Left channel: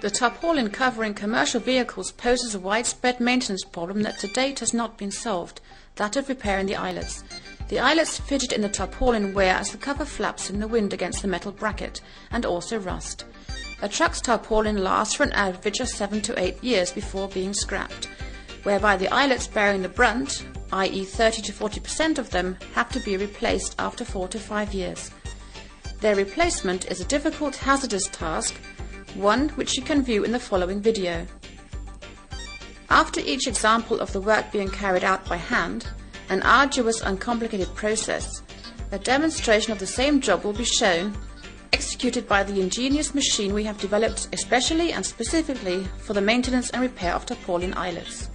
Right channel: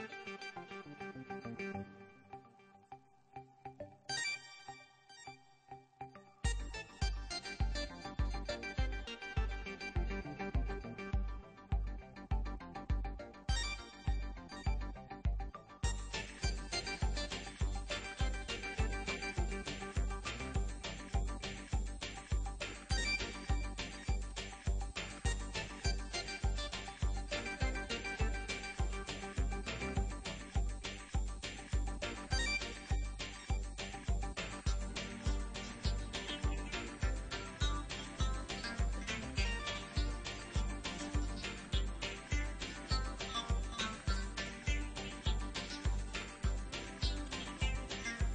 The tarpaulin covering commercial vehicles poses a widespread maintenance problem that to date has not been solved, that of repairing the eyelets. The eyelets fidget in the tarpaulin wear as the cover flaps in the wind against the metal bracket, and also rust. A truck's tarpaulin lasts for an average of 7 to 8 years before being scrapped, whereby the eyelets bearing the brunt, i.e. 30 to 40% of them, have to be replaced after 4 to 5 years. Their replacement is a difficult, hazardous task, one which you can view in the following video. After each example of the work being carried out by hand, an arduous, uncomplicated process, a demonstration of the same job will be shown, executed by the ingenious machine we have developed especially and specifically for the maintenance and repair of tarpaulin eyelets.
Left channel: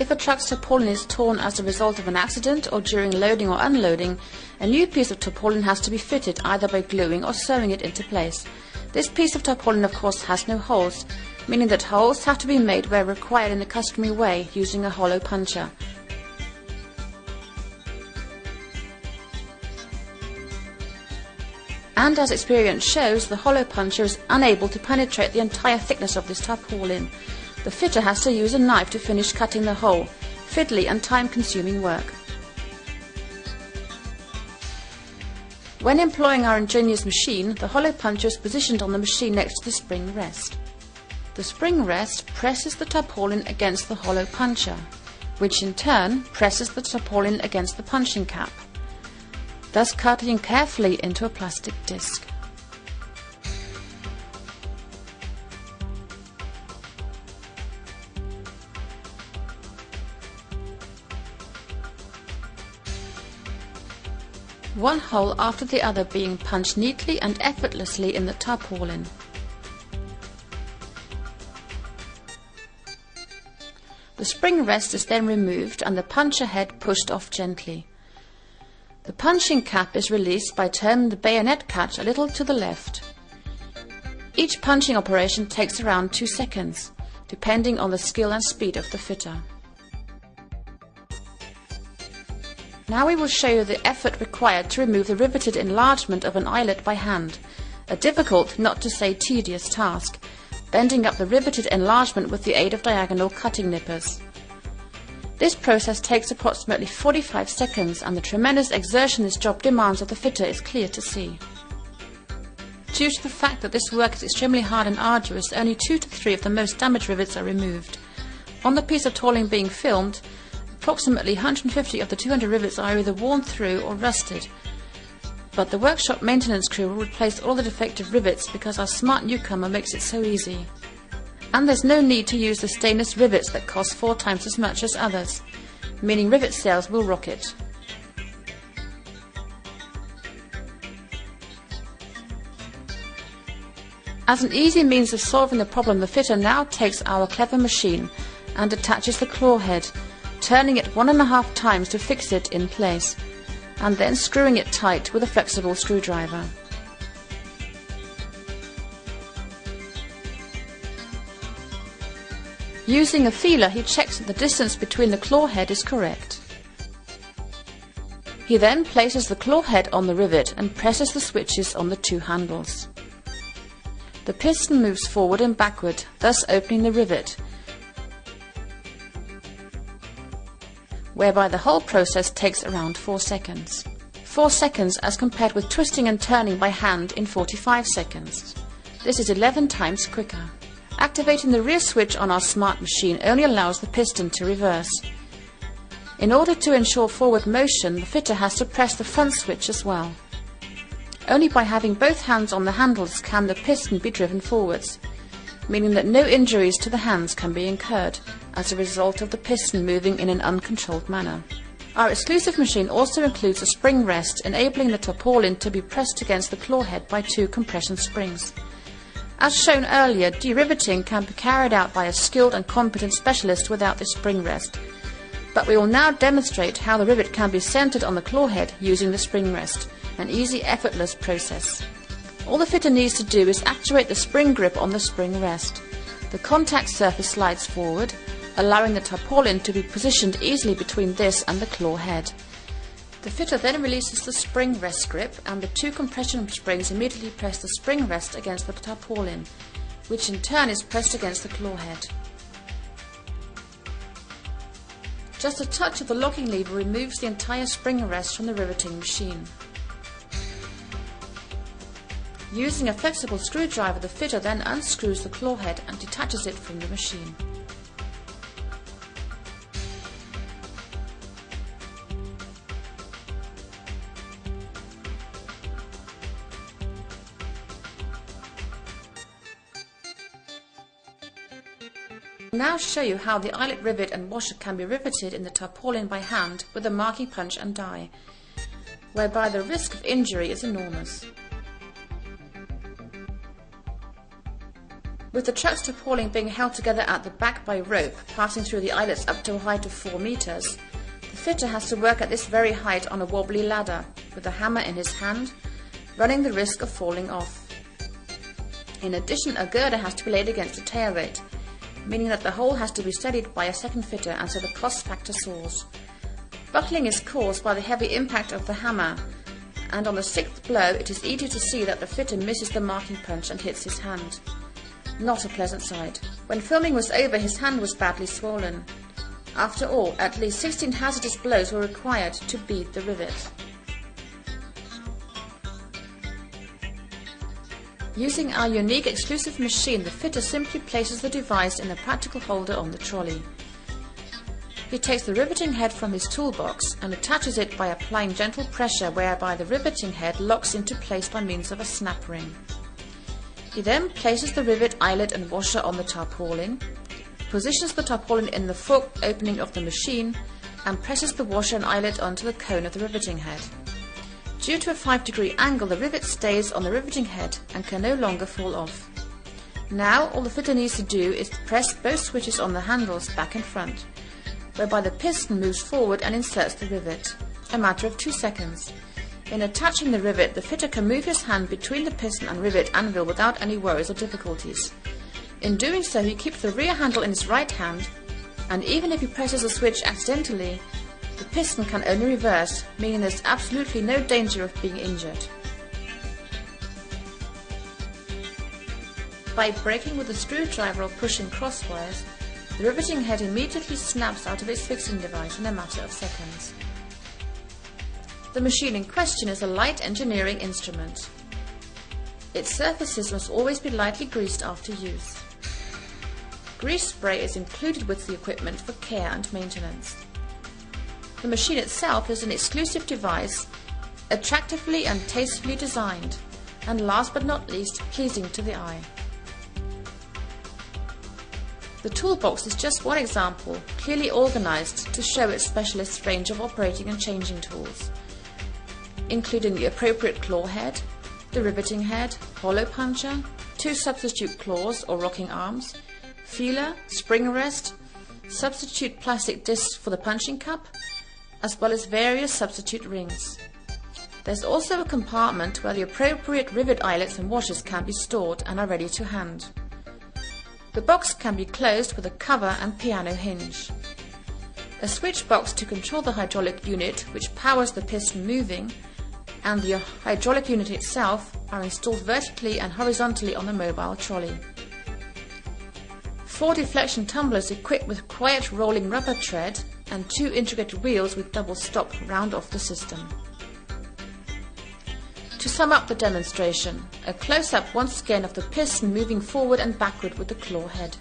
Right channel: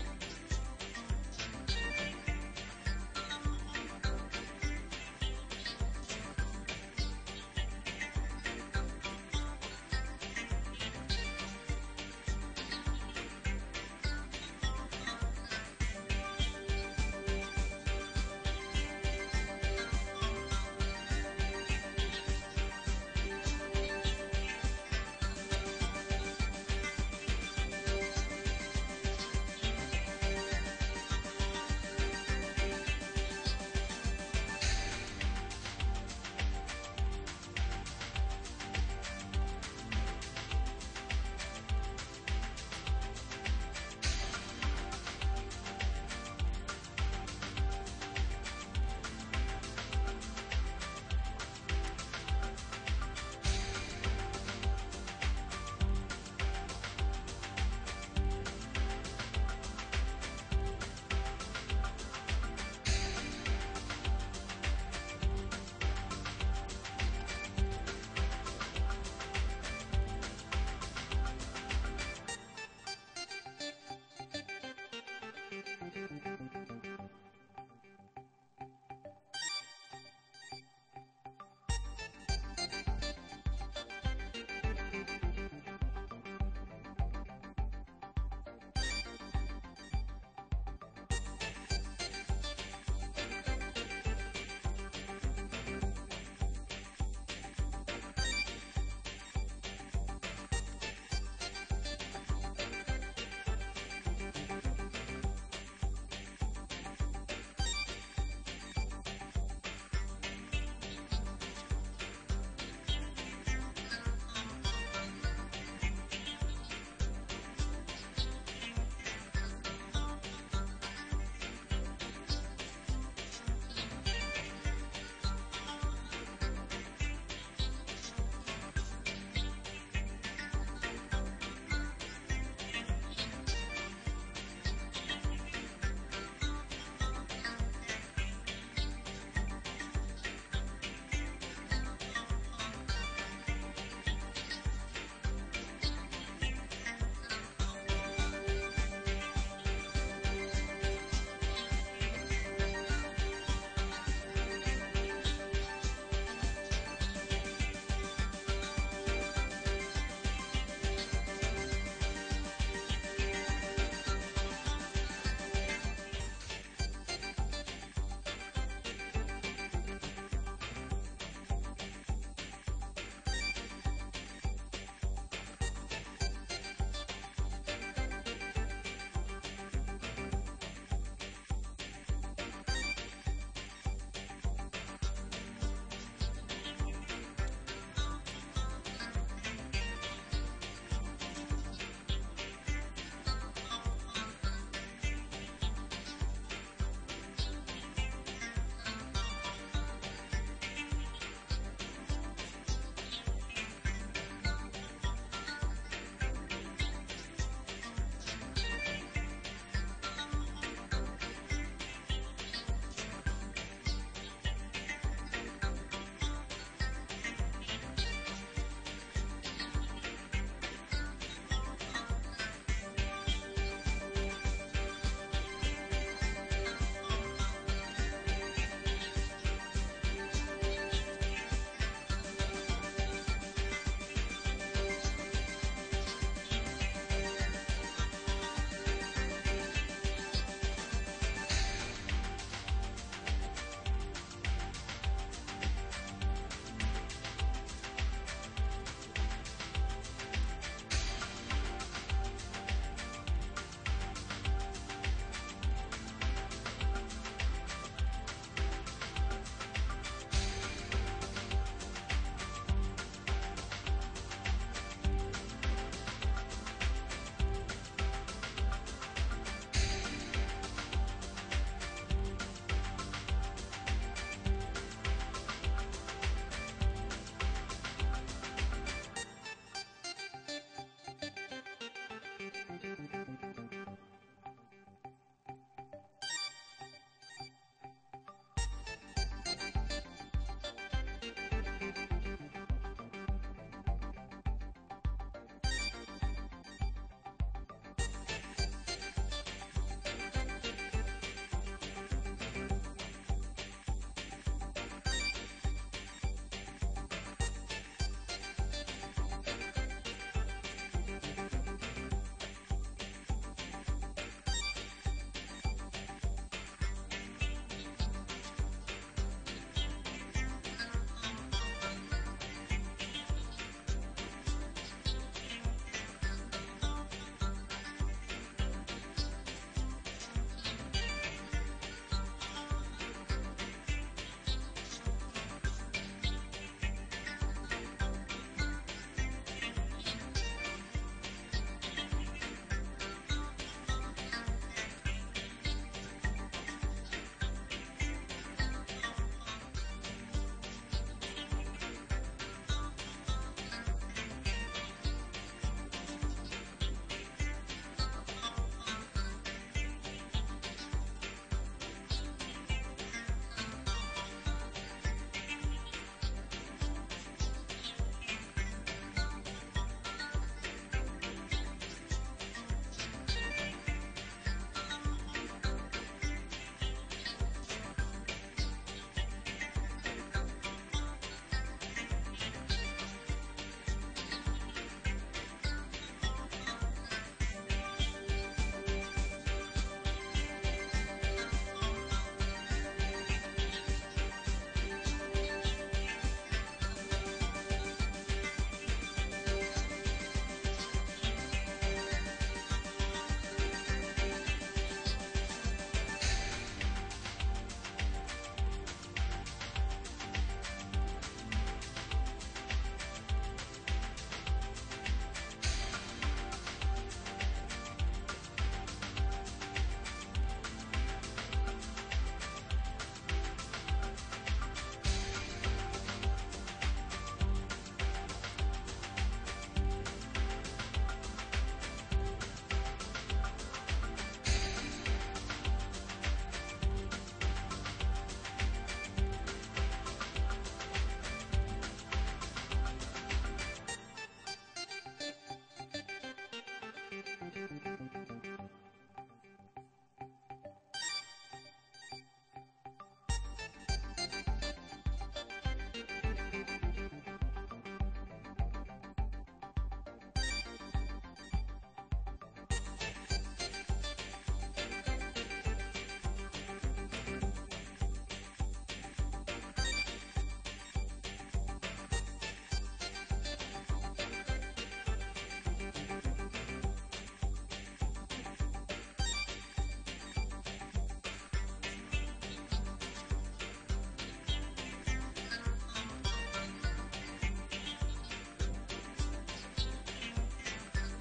If a truck's tarpaulin is torn as a result of an accident or during loading or unloading, a new piece of tarpaulin has to be fitted either by gluing or sewing it into place. This piece of tarpaulin of course has no holes, meaning that holes have to be made where required in the customary way using a hollow puncher. And as experience shows, the hollow puncher is unable to penetrate the entire thickness of this tarpaulin. The fitter has to use a knife to finish cutting the hole, fiddly and time-consuming work. When employing our ingenious machine, the hollow puncher is positioned on the machine next to the spring rest. The spring rest presses the tarpaulin against the hollow puncher, which in turn presses the tarpaulin against the punching cap, thus cutting carefully into a plastic disc. One hole after the other being punched neatly and effortlessly in the tarpaulin. The spring rest is then removed and the puncher head pushed off gently. The punching cap is released by turning the bayonet catch a little to the left. Each punching operation takes around 2 seconds, depending on the skill and speed of the fitter. Now we will show you the effort required to remove the riveted enlargement of an eyelet by hand, a difficult, not to say tedious task, bending up the riveted enlargement with the aid of diagonal cutting nippers. This process takes approximately 45 seconds and the tremendous exertion this job demands of the fitter is clear to see. Due to the fact that this work is extremely hard and arduous, only 2 to 3 of the most damaged rivets are removed. On the piece of tooling being filmed, approximately 150 of the 200 rivets are either worn through or rusted, but the workshop maintenance crew will replace all the defective rivets because our smart newcomer makes it so easy. And there's no need to use the stainless rivets that cost 4 times as much as others, meaning rivet sales will rocket. As an easy means of solving the problem, the fitter now takes our clever machine and attaches the claw head, turning it 1.5 times to fix it in place, and then screwing it tight with a flexible screwdriver. Using a feeler, he checks that the distance between the claw head is correct. He then places the claw head on the rivet and presses the switches on the 2 handles. The piston moves forward and backward, thus opening the rivet, whereby the whole process takes around 4 seconds. 4 seconds as compared with twisting and turning by hand in 45 seconds. This is 11 times quicker. Activating the rear switch on our smart machine only allows the piston to reverse. In order to ensure forward motion, the fitter has to press the front switch as well. Only by having both hands on the handles can the piston be driven forwards, meaning that no injuries to the hands can be incurred as a result of the piston moving in an uncontrolled manner. Our exclusive machine also includes a spring rest, enabling the tarpaulin to be pressed against the claw head by 2 compression springs. As shown earlier, deriveting can be carried out by a skilled and competent specialist without this spring rest, but we will now demonstrate how the rivet can be centered on the claw head using the spring rest, an easy, effortless process. All the fitter needs to do is actuate the spring grip on the spring rest. The contact surface slides forward, allowing the tarpaulin to be positioned easily between this and the claw head. The fitter then releases the spring rest grip, and the two compression springs immediately press the spring rest against the tarpaulin, which in turn is pressed against the claw head. Just a touch of the locking lever removes the entire spring rest from the riveting machine. Using a flexible screwdriver, the fitter then unscrews the claw head and detaches it from the machine. Now show you how the eyelet rivet and washer can be riveted in the tarpaulin by hand with a marking punch and die, whereby the risk of injury is enormous. With the truck's tarpaulin being held together at the back by rope passing through the eyelets up to a height of 4 meters, the fitter has to work at this very height on a wobbly ladder with a hammer in his hand, running the risk of falling off. In addition, a girder has to be laid against the tail rate, meaning that the hole has to be steadied by a second fitter, and so the cost factor soars. Buckling is caused by the heavy impact of the hammer, and on the 6th blow it is easy to see that the fitter misses the marking punch and hits his hand. Not a pleasant sight. When filming was over, his hand was badly swollen. After all, at least 16 hazardous blows were required to bead the rivet. Using our unique exclusive machine, the fitter simply places the device in a practical holder on the trolley. He takes the riveting head from his toolbox and attaches it by applying gentle pressure, whereby the riveting head locks into place by means of a snap ring. He then places the rivet, eyelet and washer on the tarpaulin, positions the tarpaulin in the forked opening of the machine, and presses the washer and eyelet onto the cone of the riveting head. Due to a 5-degree angle, the rivet stays on the riveting head and can no longer fall off. Now all the fitter needs to do is press both switches on the handles back and front, whereby the piston moves forward and inserts the rivet, a matter of 2 seconds. In attaching the rivet, the fitter can move his hand between the piston and rivet anvil without any worries or difficulties. In doing so, he keeps the rear handle in his right hand, and even if he presses a switch accidentally, the piston can only reverse, meaning there's absolutely no danger of being injured. By braking with a screwdriver or pushing crosswise, the riveting head immediately snaps out of its fixing device in a matter of seconds. The machine in question is a light engineering instrument. Its surfaces must always be lightly greased after use. Grease spray is included with the equipment for care and maintenance. The machine itself is an exclusive device, attractively and tastefully designed, and last but not least, pleasing to the eye. The toolbox is just one example, clearly organized to show its specialist range of operating and changing tools, including the appropriate claw head, the riveting head, hollow puncher, 2 substitute claws or rocking arms, feeler, spring rest, substitute plastic discs for the punching cup, as well as various substitute rings. There's also a compartment where the appropriate rivet eyelets and washers can be stored and are ready to hand. The box can be closed with a cover and piano hinge. A switch box to control the hydraulic unit, which powers the piston moving, and the hydraulic unit itself are installed vertically and horizontally on the mobile trolley. 4 deflection tumblers equipped with quiet rolling rubber tread and 2 intricate wheels with double stop round off the system. To sum up the demonstration, a close-up once again of the piston moving forward and backward with the claw head.